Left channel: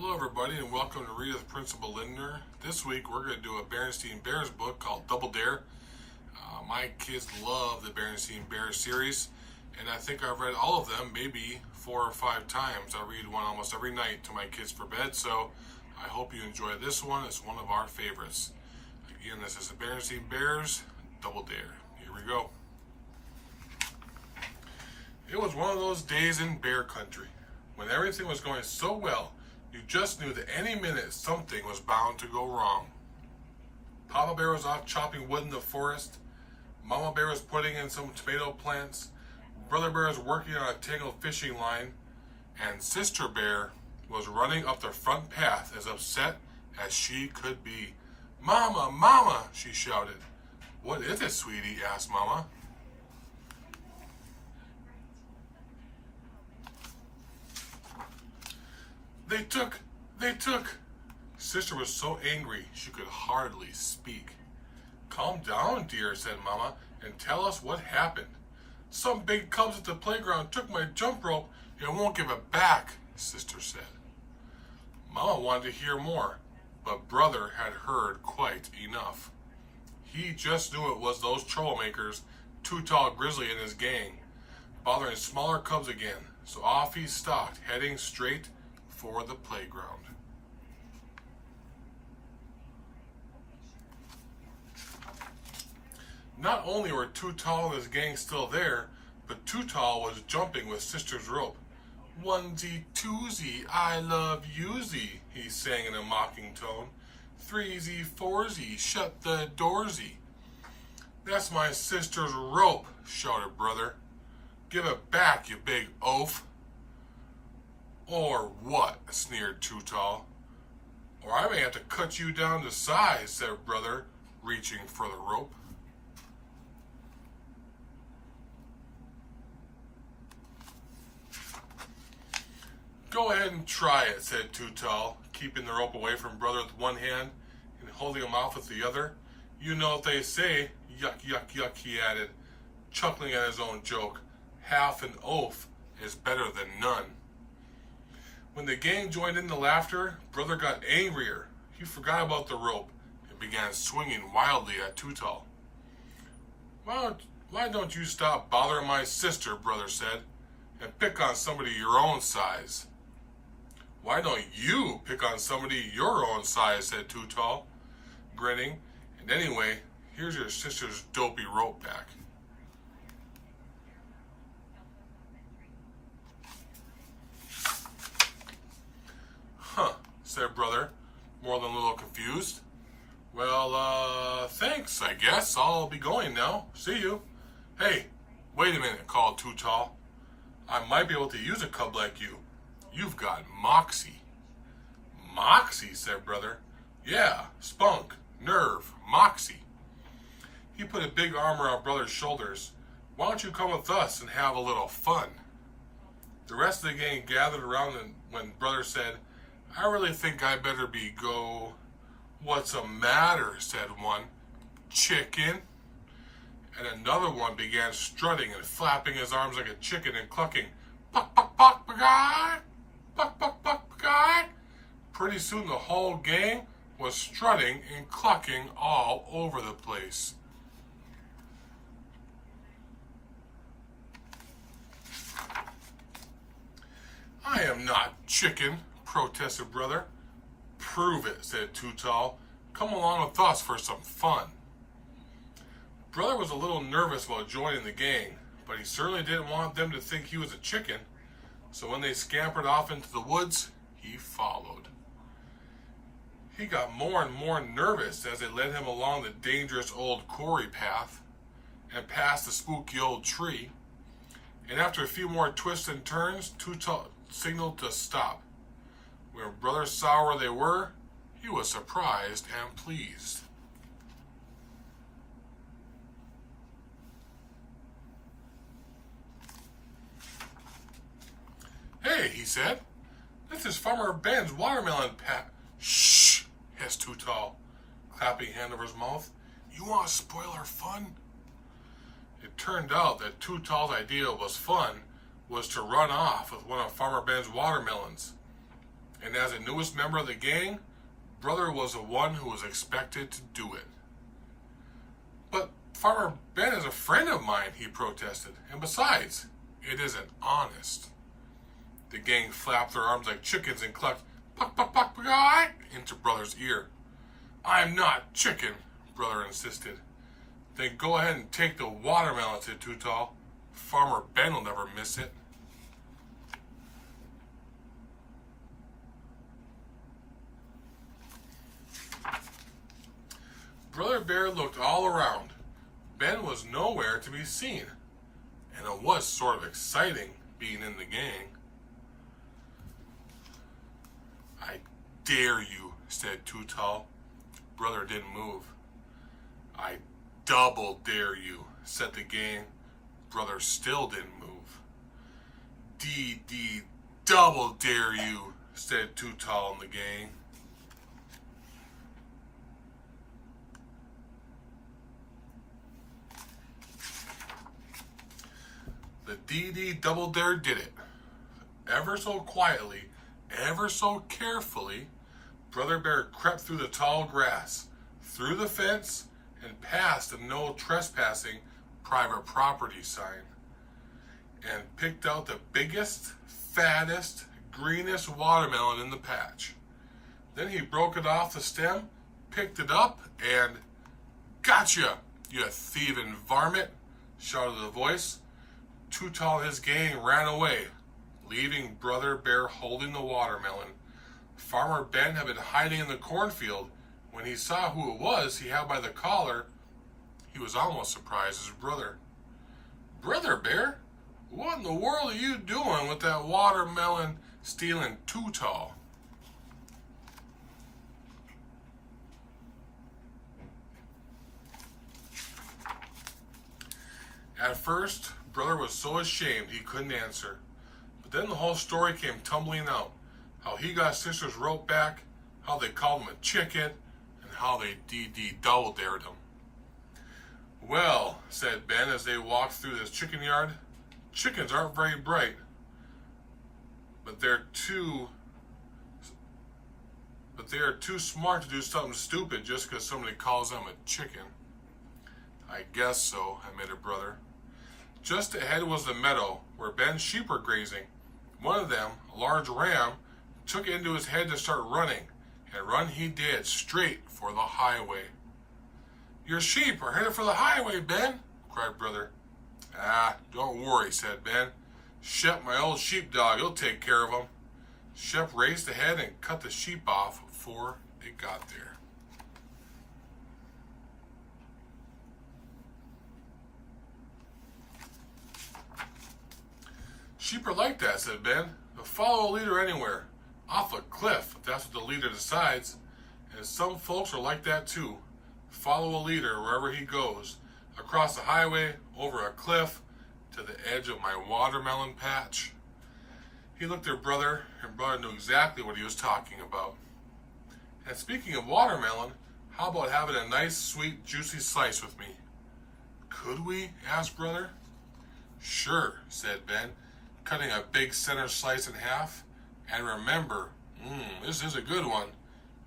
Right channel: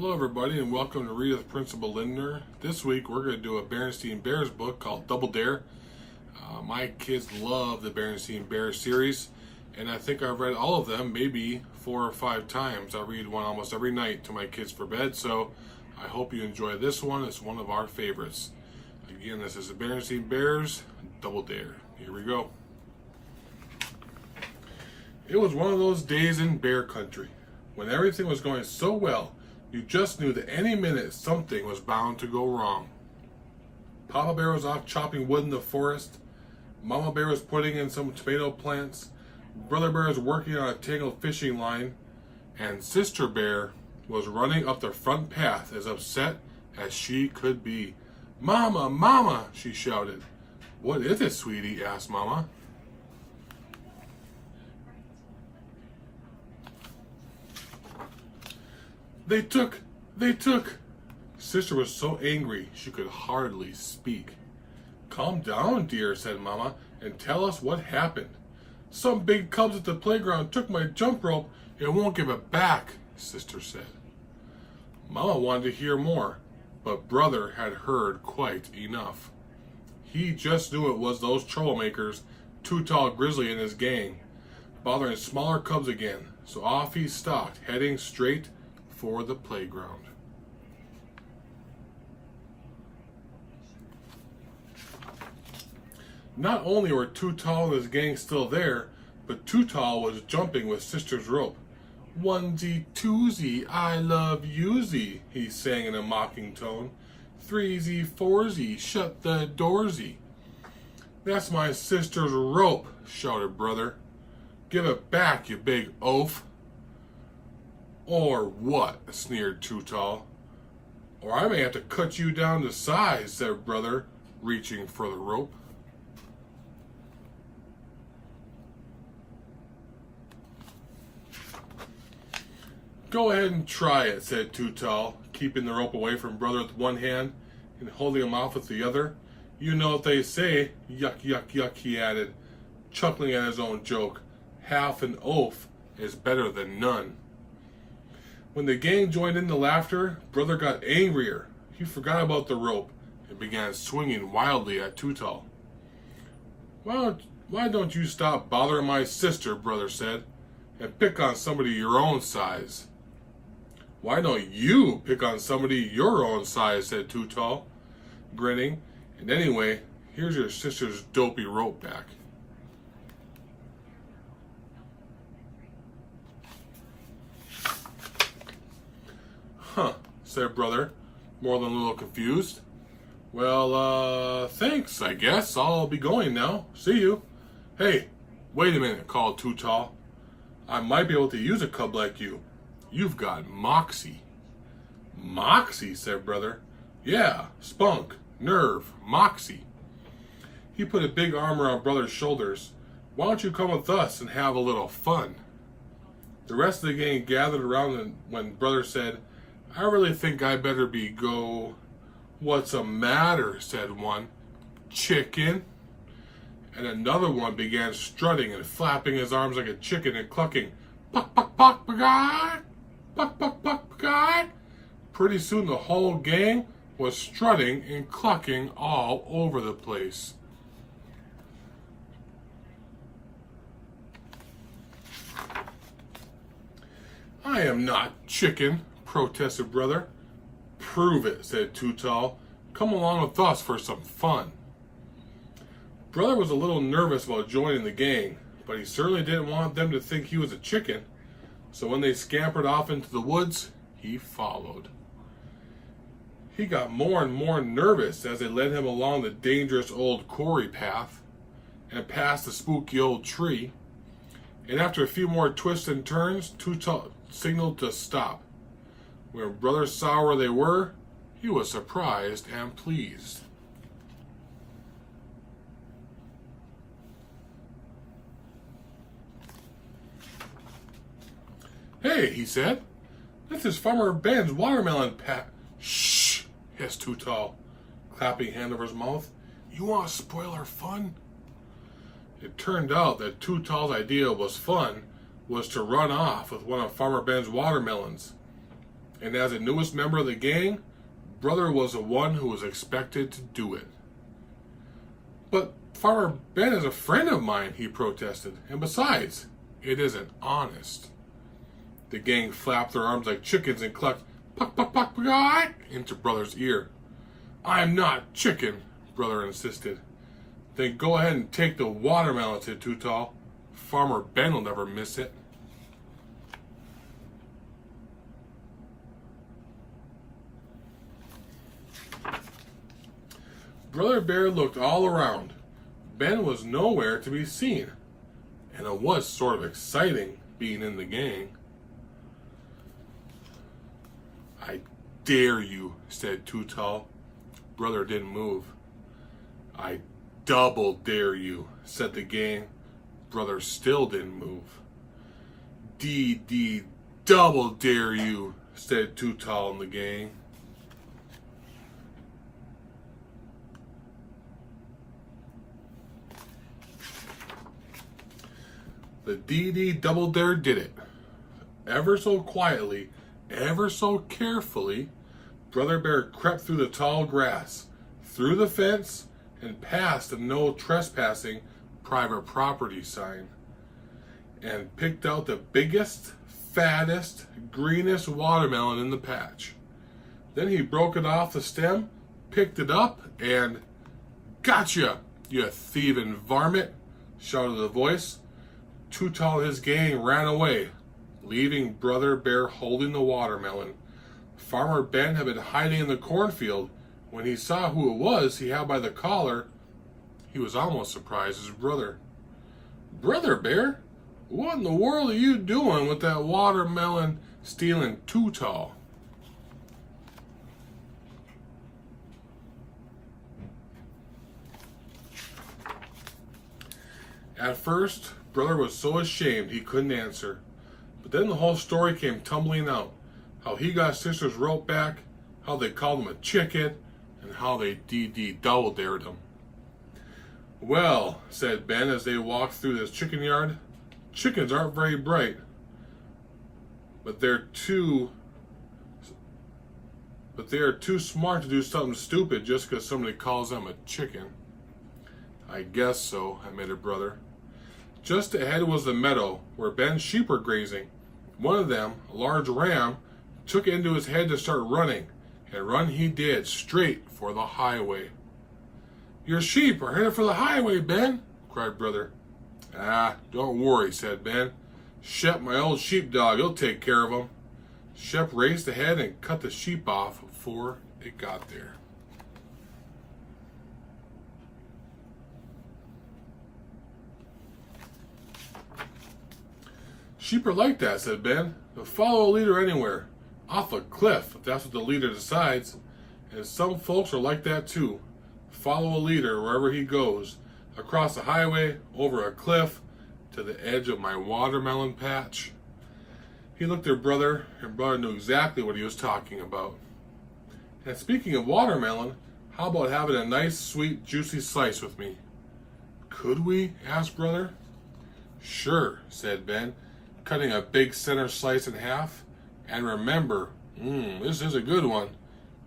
Hello everybody and welcome to Read with Principal Lindner. This week we're going to do a Berenstain Bears book called Double Dare. My kids love the Berenstain Bears series and I think I've read all of them maybe 4 or 5 times. I read one almost every night to my kids for bed, so I hope you enjoy this one. It's one of our favorites. Again, this is the Berenstain Bears Double Dare. Here we go. It was one of those days in bear country when everything was going so well. You just knew that any minute something was bound to go wrong. Papa Bear was off chopping wood in the forest. Mama Bear was putting in some tomato plants. Brother Bear was working on a tangled fishing line. And Sister Bear was running up the front path as upset as she could be. "Mama, Mama," she shouted. "What is it, sweetie?" asked Mama. They took. Sister was so angry she could hardly speak. "Calm down, dear," said Mama, "and tell us what happened." "Some big cubs at the playground took my jump rope and won't give it back," Sister said. Mama wanted to hear more, but Brother had heard quite enough. He just knew it was those troublemakers, Too Tall Grizzly and his gang, bothering smaller cubs again, so off he stalked, heading straight for the playground. Not only were Too Tall and his gang still there, but Too Tall was jumping with Sister's rope. "Onesie, twosie, I love yousie," he sang in a mocking tone. "Threesie, foursie, shut the doorsie." "That's my sister's rope," shouted Brother. "Give it back, you big oaf." "Or what?" sneered Too Tall. "Or I may have to cut you down to size," said Brother, reaching for the rope. "Go ahead and try it," said Too Tall, keeping the rope away from Brother with one hand and holding him off with the other. "You know what they say, yuck, yuck, yuck," he added, chuckling at his own joke. "Half an oaf is better than none." When the gang joined in the laughter, Brother got angrier. He forgot about the rope and began swinging wildly at Too Tall. Why don't you stop bothering my sister," Brother said, "and pick on somebody your own size?" "Why don't you pick on somebody your own size?" said Too Tall, grinning. "And anyway, here's your sister's dopey rope back." "Huh," said Brother, more than a little confused. "Well, thanks, I guess. I'll be going now. See you." "Hey, wait a minute," called Too Tall. "I might be able to use a cub like you. You've got moxie." "Moxie?" said Brother. "Yeah, spunk, nerve, moxie." He put a big arm around Brother's shoulders. "Why don't you come with us and have a little fun?" The rest of the gang gathered around when Brother said, "I really think I better go." "What's the matter?" said one. "Chicken." And another one began strutting and flapping his arms like a chicken and clucking, "Puck, puck, puck, pagay! Puck, puck, puck, pagay!" Pretty soon the whole gang was strutting and clucking all over the place. "I am not chicken," protested Brother. "Prove it," said Too Tall. "Come along with us for some fun." Brother was a little nervous about joining the gang, but he certainly didn't want them to think he was a chicken. So when they scampered off into the woods, he followed. He got more and more nervous as they led him along the dangerous old quarry path and past the spooky old tree. And after a few more twists and turns, Too Tall signaled to stop. When Brother saw where they were, he was surprised and pleased. "Hey," he said, "this is Farmer Ben's watermelon patch." "Shh," hissed Too Tall, clapping a hand over his mouth. "You want to spoil our fun?" It turned out that Too Tall's idea was to run off with one of Farmer Ben's watermelons. And as the newest member of the gang, brother was the one who was expected to do it. But Farmer Ben is a friend of mine, he protested. And besides, it isn't honest. The gang flapped their arms like chickens and clucked, "Puck, puck, puck, puck," into brother's ear. "I'm not chicken," brother insisted. "Then go ahead and take the watermelon," said Too Tall. "Farmer Ben will never miss it." Brother Bear looked all around. Ben was nowhere to be seen, and it was sort of exciting being in the gang. "I dare you," said Too Tall. Brother didn't move. "I double dare you," said the gang. Brother still didn't move. "D double dare you," said Too Tall and the gang. The D double dare did it. Ever so quietly, ever so carefully, Brother Bear crept through the tall grass, through the fence, and past the no trespassing private property sign, and picked out the biggest, fattest, greenest watermelon in the patch. Then he broke it off the stem, picked it up, and "Gotcha, you thieving varmint!" shouted a voice. Too Tall and his gang ran away, leaving Brother Bear holding the watermelon. Farmer Ben had been hiding in the cornfield. When he saw who it was he had by the collar, he was almost surprised as his brother. "Brother Bear, what in the world are you doing with that watermelon stealing Too Tall?" At first, Brother was so ashamed he couldn't answer. But then the whole story came tumbling out. How he got Sister's rope back, how they called him a chicken, and how they double dared him. "Well," said Ben as they walked through this chicken yard, "chickens aren't very bright. But they are too smart to do something stupid just because somebody calls them a chicken." "I guess so," admitted Brother. Just ahead was the meadow where Ben's sheep were grazing. One of them, a large ram, took it into his head to start running, and run he did, straight for the highway. "Your sheep are headed for the highway, Ben," cried Brother. "Ah, don't worry," said Ben. "Shep, my old sheepdog, he'll take care of them." Shep raced ahead and cut the sheep off before it got there. "Sheep are like that," said Ben. "They'll follow a leader anywhere. Off a cliff, if that's what the leader decides. And some folks are like that too. Follow a leader wherever he goes. Across the highway, over a cliff, to the edge of my watermelon patch." He looked at Brother, and Brother knew exactly what he was talking about. "And speaking of watermelon, how about having a nice, sweet, juicy slice with me?" "Could we?" asked Brother. "Sure," said Ben, cutting a big center slice in half. "And remember, this is a good one.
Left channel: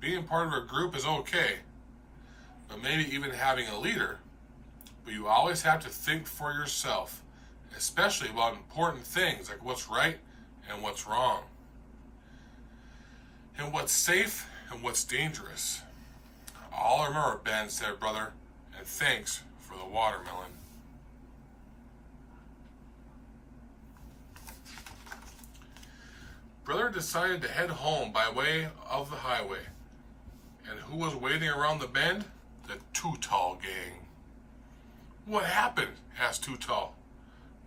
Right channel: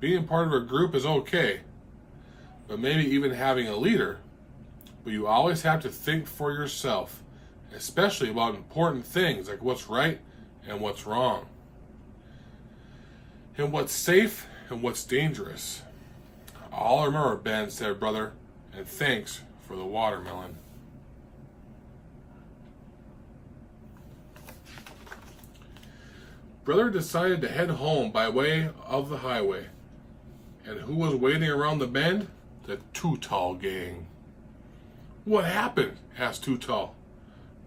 Being part of a group is okay, but maybe even having a leader. But you always have to think for yourself, especially about important things like what's right and what's wrong, and what's safe and what's dangerous." "I'll remember, Ben," said Brother, "and thanks for the watermelon." Brother decided to head home by way of the highway. And who was waiting around the bend? The Too Tall gang. "What happened?" asked Too Tall.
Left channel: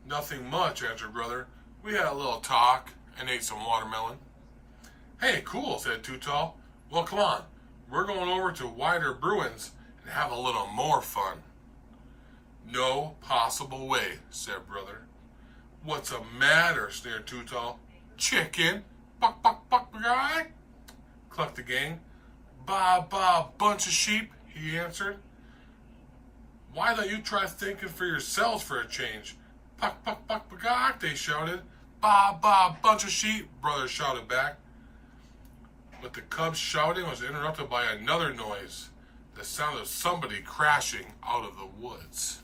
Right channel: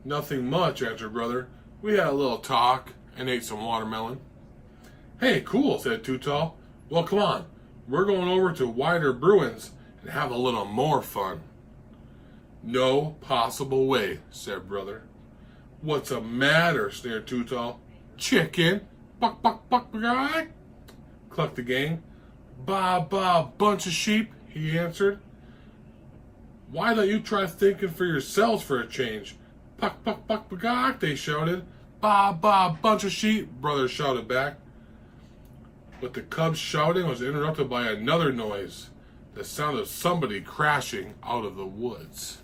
"Nothing much," answered Brother. "We had a little talk and ate some watermelon." "Hey, cool," said Too Tall. "Well, come on. We're going over to Wider Bruin's and have a little more fun." "No possible way," said Brother. "What's the matter?" sneered Too Tall. "Chicken! Buck, buck, buck, buck!" clucked the gang. "Ba, ba, bunch of sheep," he answered. "Why don't you try thinking for yourselves for a change?" "Puck, puck, puck, buck!" they shouted. "Ba, ba, bunch of sheep," Brother shouted back. But the cub's shouting was interrupted by another noise, the sound of somebody crashing out of the woods.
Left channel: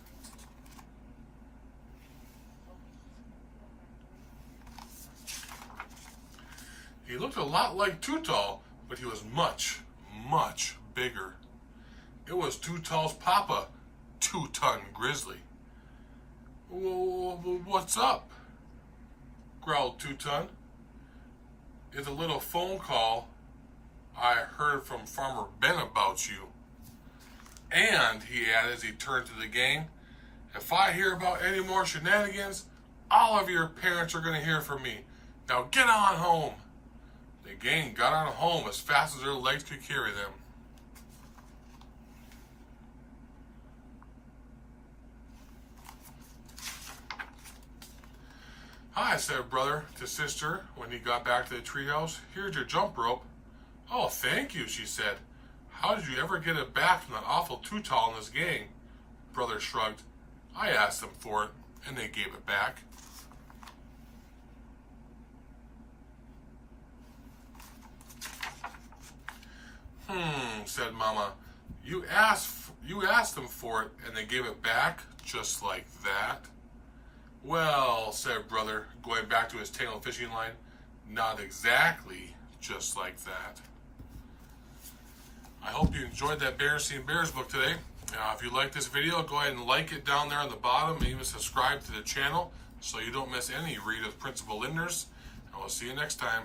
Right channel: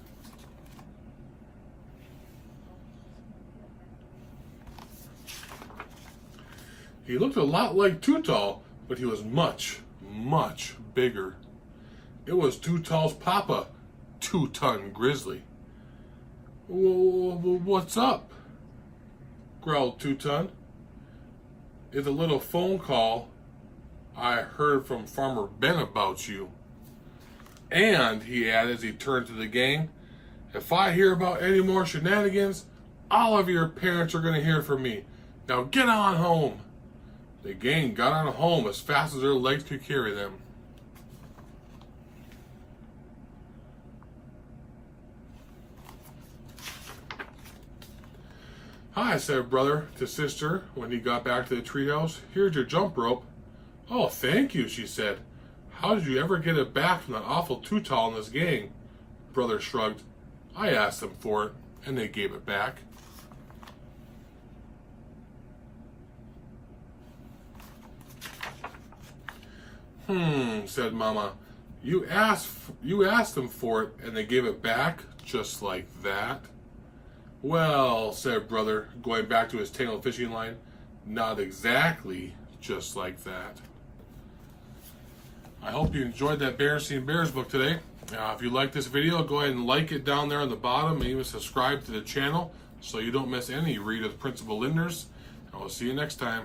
He looked a lot like Too Tall, but he was much, much bigger. It was Too Tall's papa, 2-ton Grizzly. What's up? Growled 2-ton. It's a little phone call I heard from Farmer Ben about you. And, he added as he turned to the gang, if I hear about any more shenanigans, all of your parents are going to hear from me. Now get on home. The gang got on home as fast as their legs could carry them. Hi, said brother to sister when he got back to the treehouse. Here's your jump rope. Oh, thank you, she said. How did you ever get it back from that awful Too Tall in this gang? Brother shrugged. I asked them for it, and they gave it back. Said Mama. You asked them for it, and they gave it back just like that? Well, said brother, going back to his tangled fishing line, not exactly just like that. I hope you enjoyed that Berenstain Bears book today. If you like this video, go ahead and like it down there on the bottom and even subscribe to the channel so you don't miss any Read of Principal Lindner's. I will see you next time.